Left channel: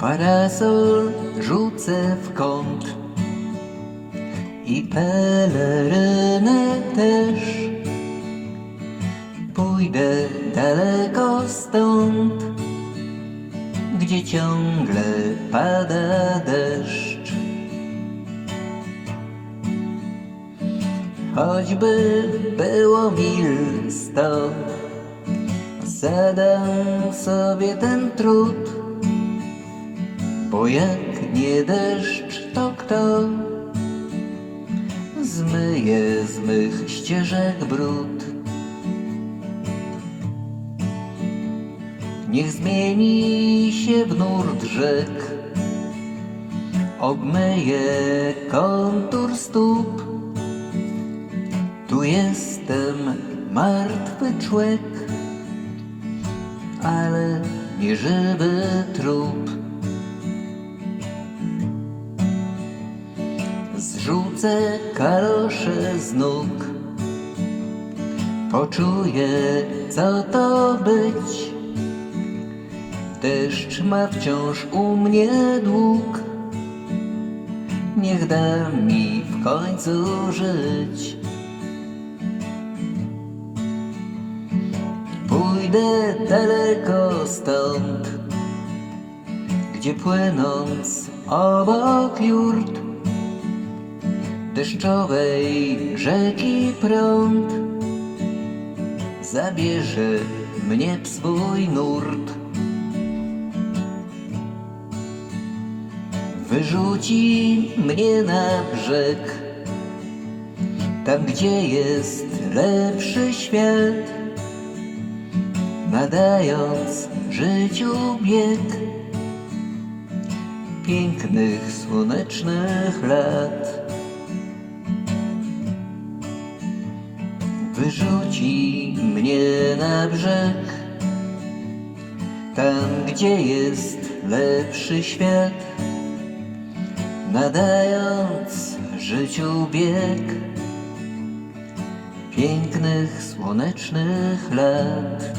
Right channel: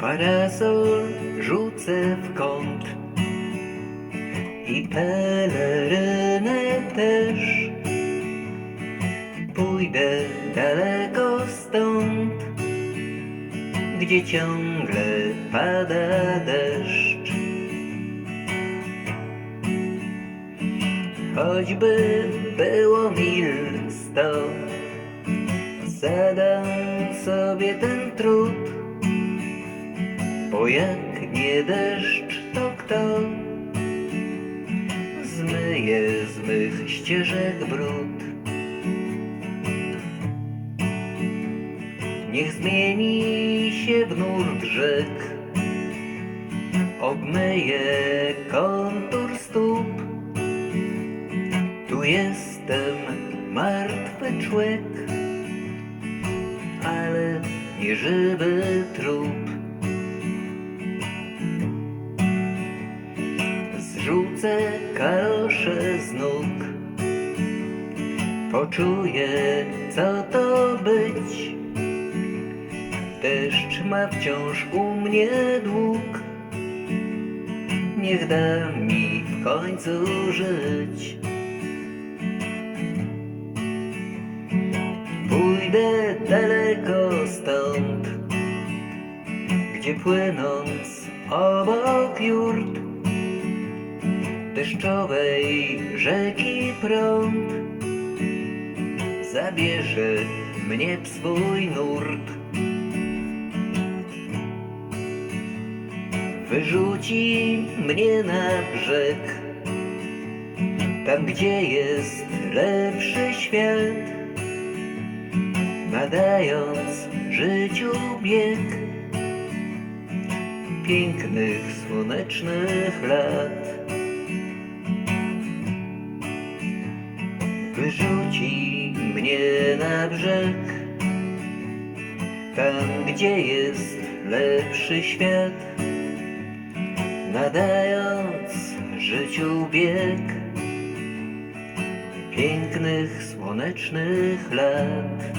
Parasol rzucę w kąt i pelerynę też. Pójdę daleko stąd, gdzie ciągle pada deszcz. Choćby było mil sto, zadam sobie ten trud, bo jak nie deszcz, to kto zmyje z mych ścieżek brud? Niech zmieni się w nurt rzek, obmyje kontur stóp. Tu jestem martwy człek, ale nie żywy trup. Kalosze z nóg, poczuję co to być. Deszcz ma wciąż u mnie dług, niech da mi w końcu żyć. Pójdę daleko stąd, gdzie płynąc obok jurt deszczowej rzeki prąd zabierze mnie w swój nurt. Wyrzuci mnie na brzeg, tam gdzie jest lepszy świat nadając życiu bieg pięknych słonecznych lat. Wyrzuci mnie na brzeg, tam gdzie jest lepszy świat, nadając życiu bieg pięknych słonecznych lat.